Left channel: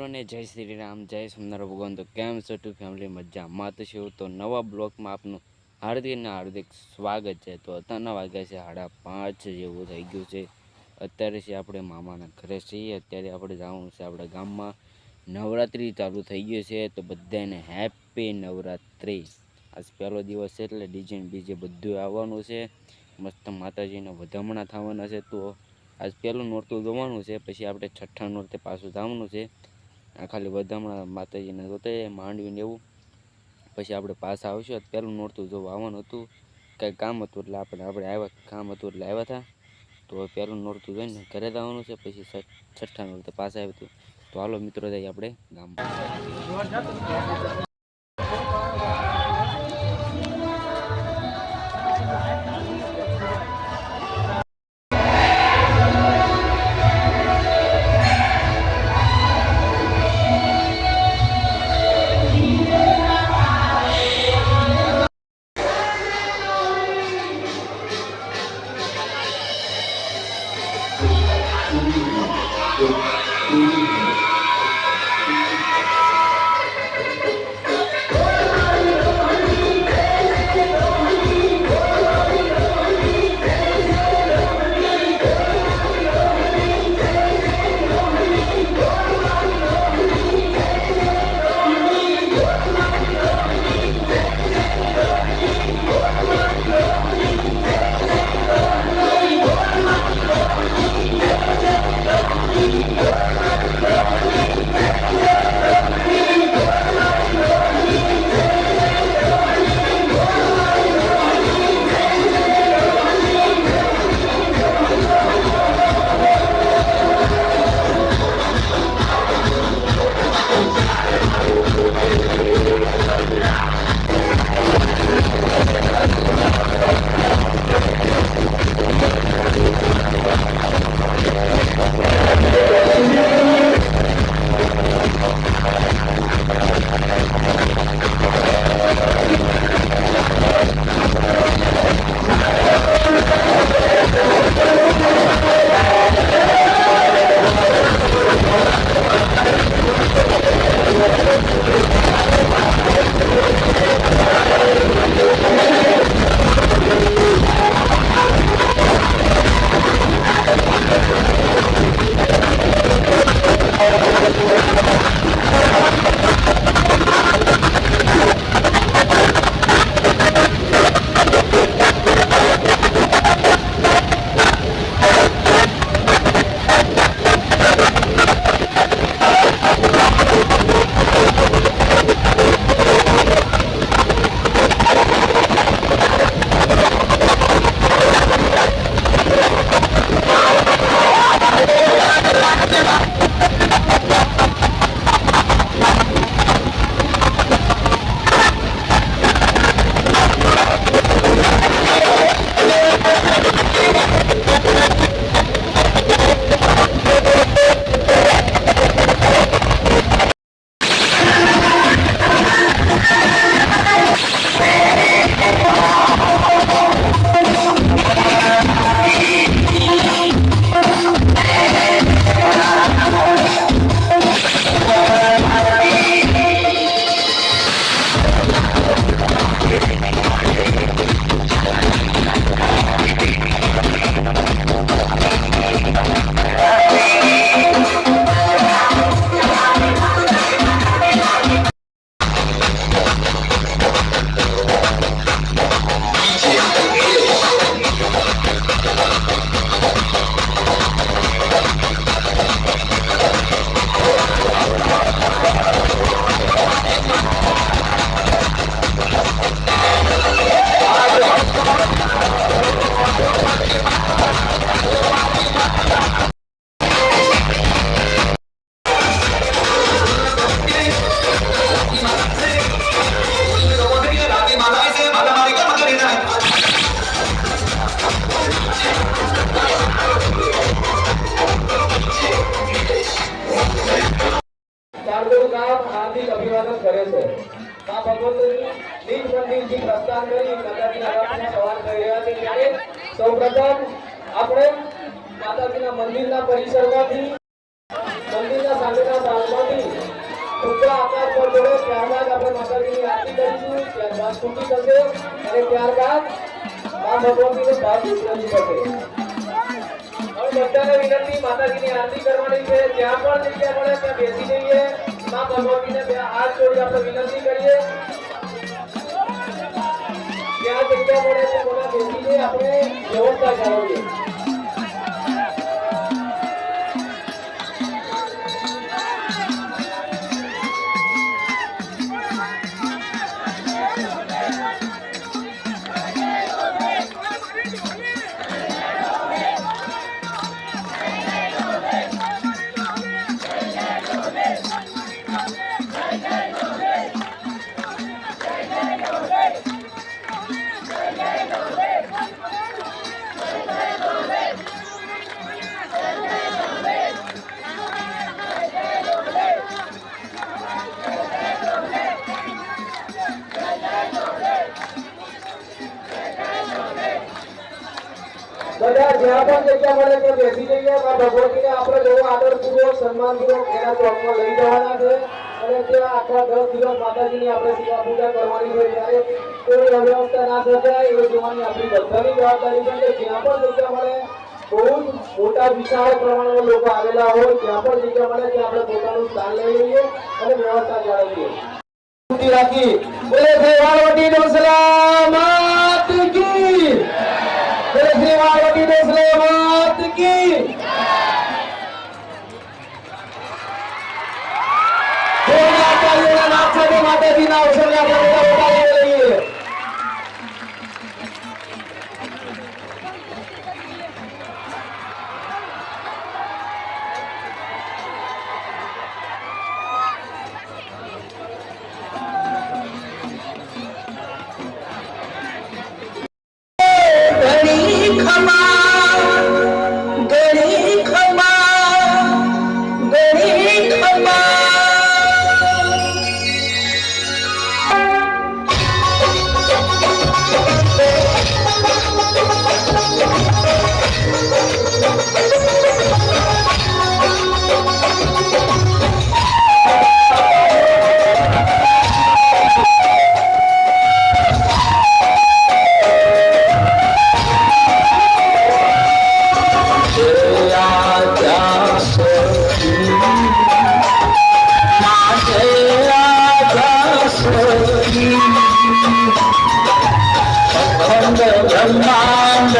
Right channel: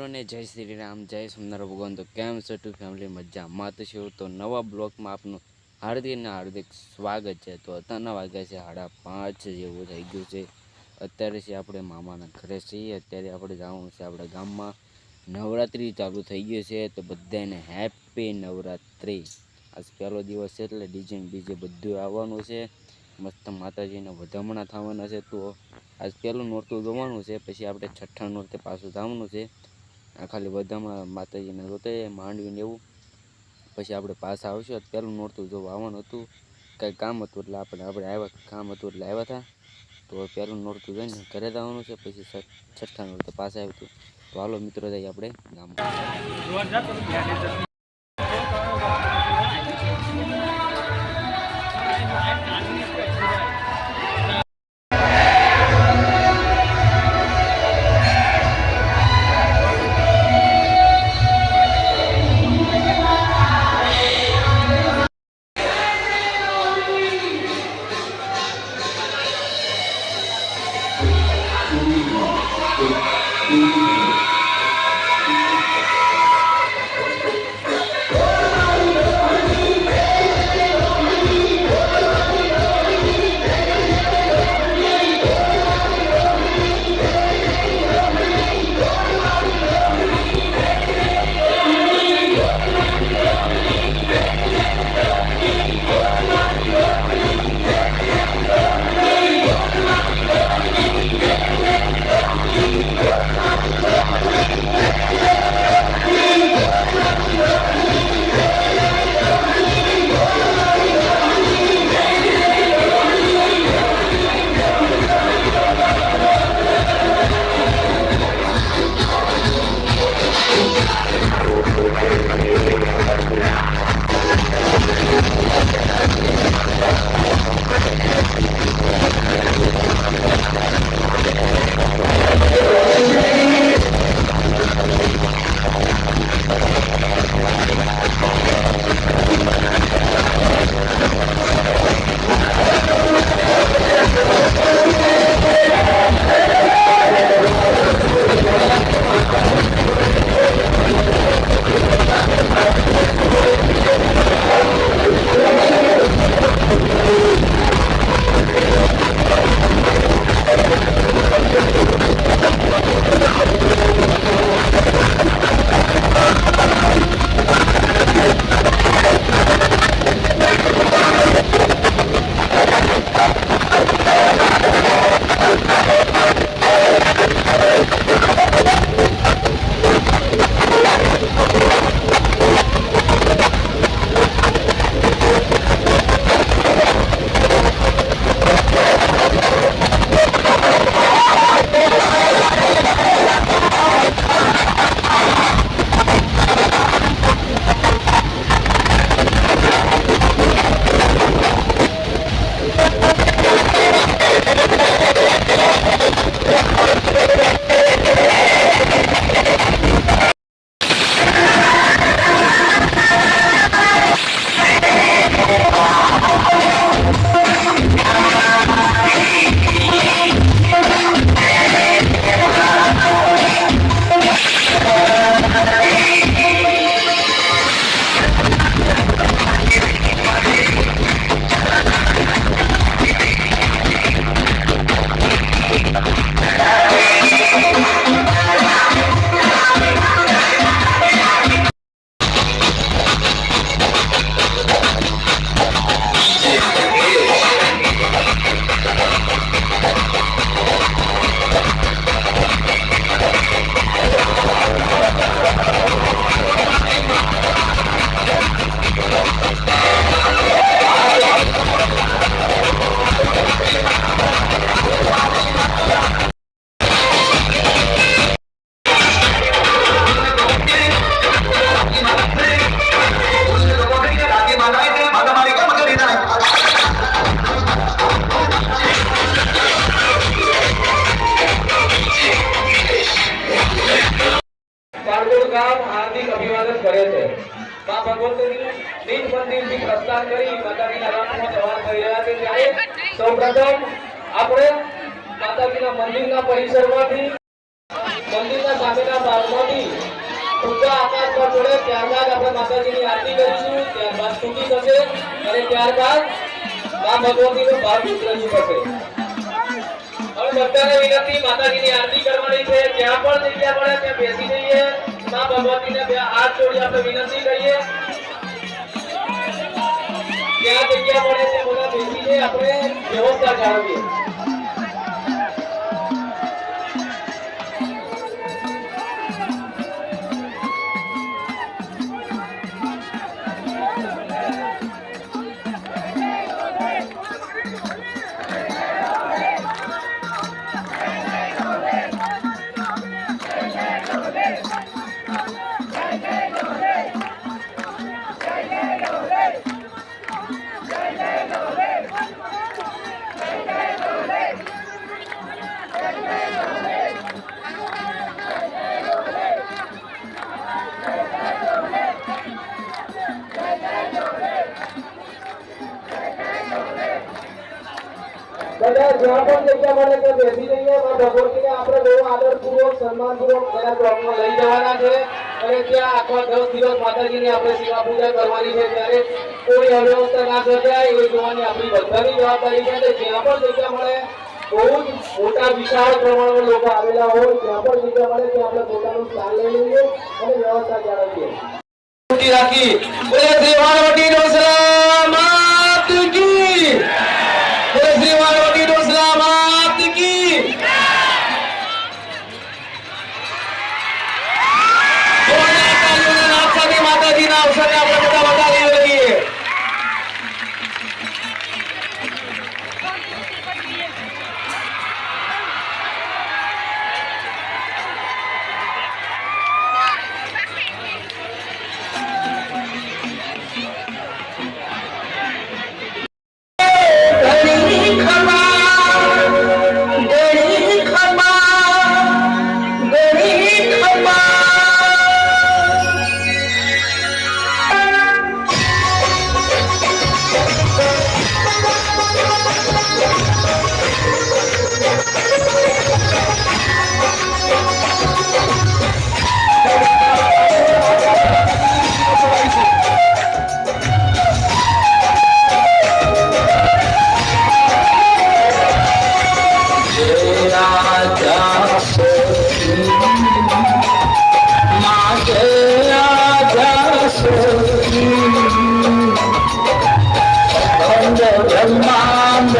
મિત્રોને જય શ્રી રામ, જય સોમનાથ ભગવાન। તો કેમ છો ટુ ફેમિલી? મજામાં તો છો? તો નવા બ્લોગમાં આપનું હાર્દિક ને હાર્દિક સ્વાગત છે। તો અત્યારના વાગ્યા છે 5:30 જેવું થઈ ગયું છે। અત્યારે છે આપણે મામાના ઘરે છીએ। અત્યારે આપણે જવાનું છે આપણા ગામમાં। નવરાત્રિ ચાલુ થઈ ગઈ છે, તો બધાને હેપી નવરાત્રિ। આજ પહેલો દિવસ છે એટલે ડીજે બધું આવવાનું છે। મસ્ત માતાજીના વધામણા થવાના છે। તો આજ પહેલું નોરતું જોવાનું છે, પછી આપણે છઠ્ઠા નોરતે પાછું જવાનું છે। આ ખાલી વધામણા માતાજીને જોતે માંડવીને એવું, પછી આપણે પાછા આવશું। પહેલું નોરતું જોવા આવવાનું હતું, કંઈ કામ હતું એટલે આપણે આવ્યા, કામ હતું એટલે આવ્યા હતા। તો પહેલું નોરતું જોઈને ઘરે જવાનું છે, પછી છઠ્ઠા નોરતે પાછા આવ્યું હતું। તો હાલો મિત્રો જઈએ આપણે ગામમાં। હાર્દિક અભિવાદન કરે છે। માં ભગવતીની નિજ મંદિરથી પ્રસ્થાન કરી માતાજીના રથમાં સવાર કરી રહ્યા છે, ત્યારે સૌપ્રથમ આપણે માતાજીના મંદિરના પરિસરમાંથી મંદિરના સામેના ભાગમાંથી ઊંચા આકાશ પર ચડે ત્યારબાદ આપણે માતાજીની આરતી કરીશું, ત્યારબાદ સ્તુતિ થશે અને ત્યારબાદ મા ભગવતીનો ભાવ રજૂ થશે. હવે બધાને વિનંતી, માતાજીની આરતી કરવાની છે. જ્યાં પણ જગ્યા મળે ત્યાં બેસી જઈએ. મા ભગવતીને બે હાથ જોડી આપણે વિનંતી કરીએ. જ્યાં જગ્યા મળે ત્યાં બધા બેસીને આપણે વ્યવસ્થા જાળવીએ. બધા જ્યાં પણ જગ્યા મળે ત્યાં બેસી જઈએ. ભગવતીને આપણે જેવો આદરપૂર્વક સન્માનપૂર્વક એના ચોકમાં લઈ જવાના છે અને ત્યાં આખા 10 દિવસ માતાજીની આપણે સેવા પૂજા કરવાની છે. ત્યારે કોઈ અવ્યવસ્થા ના સર્જાય એ જોવાની આપણી બધાની જવાબદારી છે. જ્યાં પણ જગ્યા મળે, બહુ જ મોટા વિશાળ પ્રમાણમાં લોકો આવેલા હોય, જ્યાં પણ જગ્યા મળે ત્યાં આપણે પોતાનું સ્થાન લઈ લઈએ અને વ્યવસ્થા જાળવીએ. રાખી બોલે શ્રી વાળવટી ડોસરા માત કી, બોલે શ્રી વાળવટી ડોસરા માત કી. માતાજીના અવસરને આપણે બધા વધારી લઈએ. બ્રહ્માંડ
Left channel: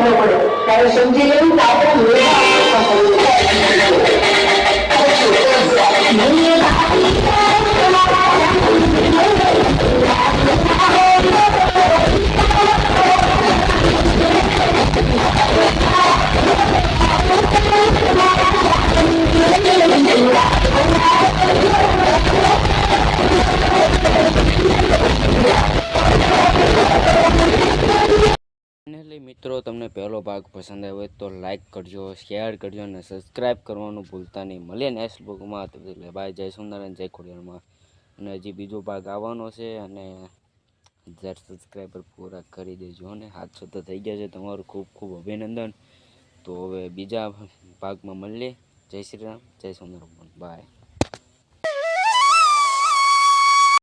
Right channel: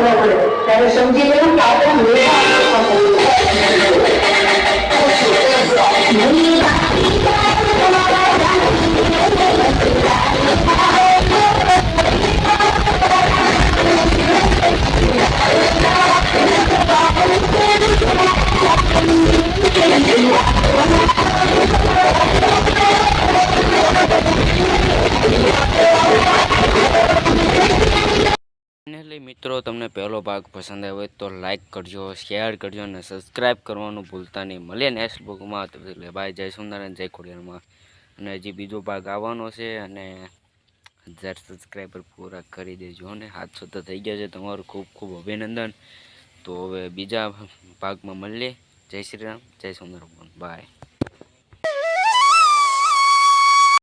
કરવો પડે ત્યારે સમજી લેવું કે આપણા ફાઇનલી મિત્રો તમને પહેલો ભાગ પસંદ આવ્યો હોય તો લાઈક કરજો, શેર કરજો અને સબસ્ક્રાઈબ કરવાનું ભૂલતા નહીં. મળીએ નેક્સ્ટ બ્લોગમાં. તો એટલે બાય, જય સુંદર અને જય ખોડિયારમાં. અને હજી બીજો ભાગ આવવાનો છે અને 1000 સબસ્ક્રાઈબર પૂરા કરી દેજો. અને 700 તો થઈ ગયા છે. તમારું ખૂબ ખૂબ અભિનંદન. તો હવે બીજા ભાગમાં મળીએ. જય શ્રી રામ, જય સુંદર. બાય.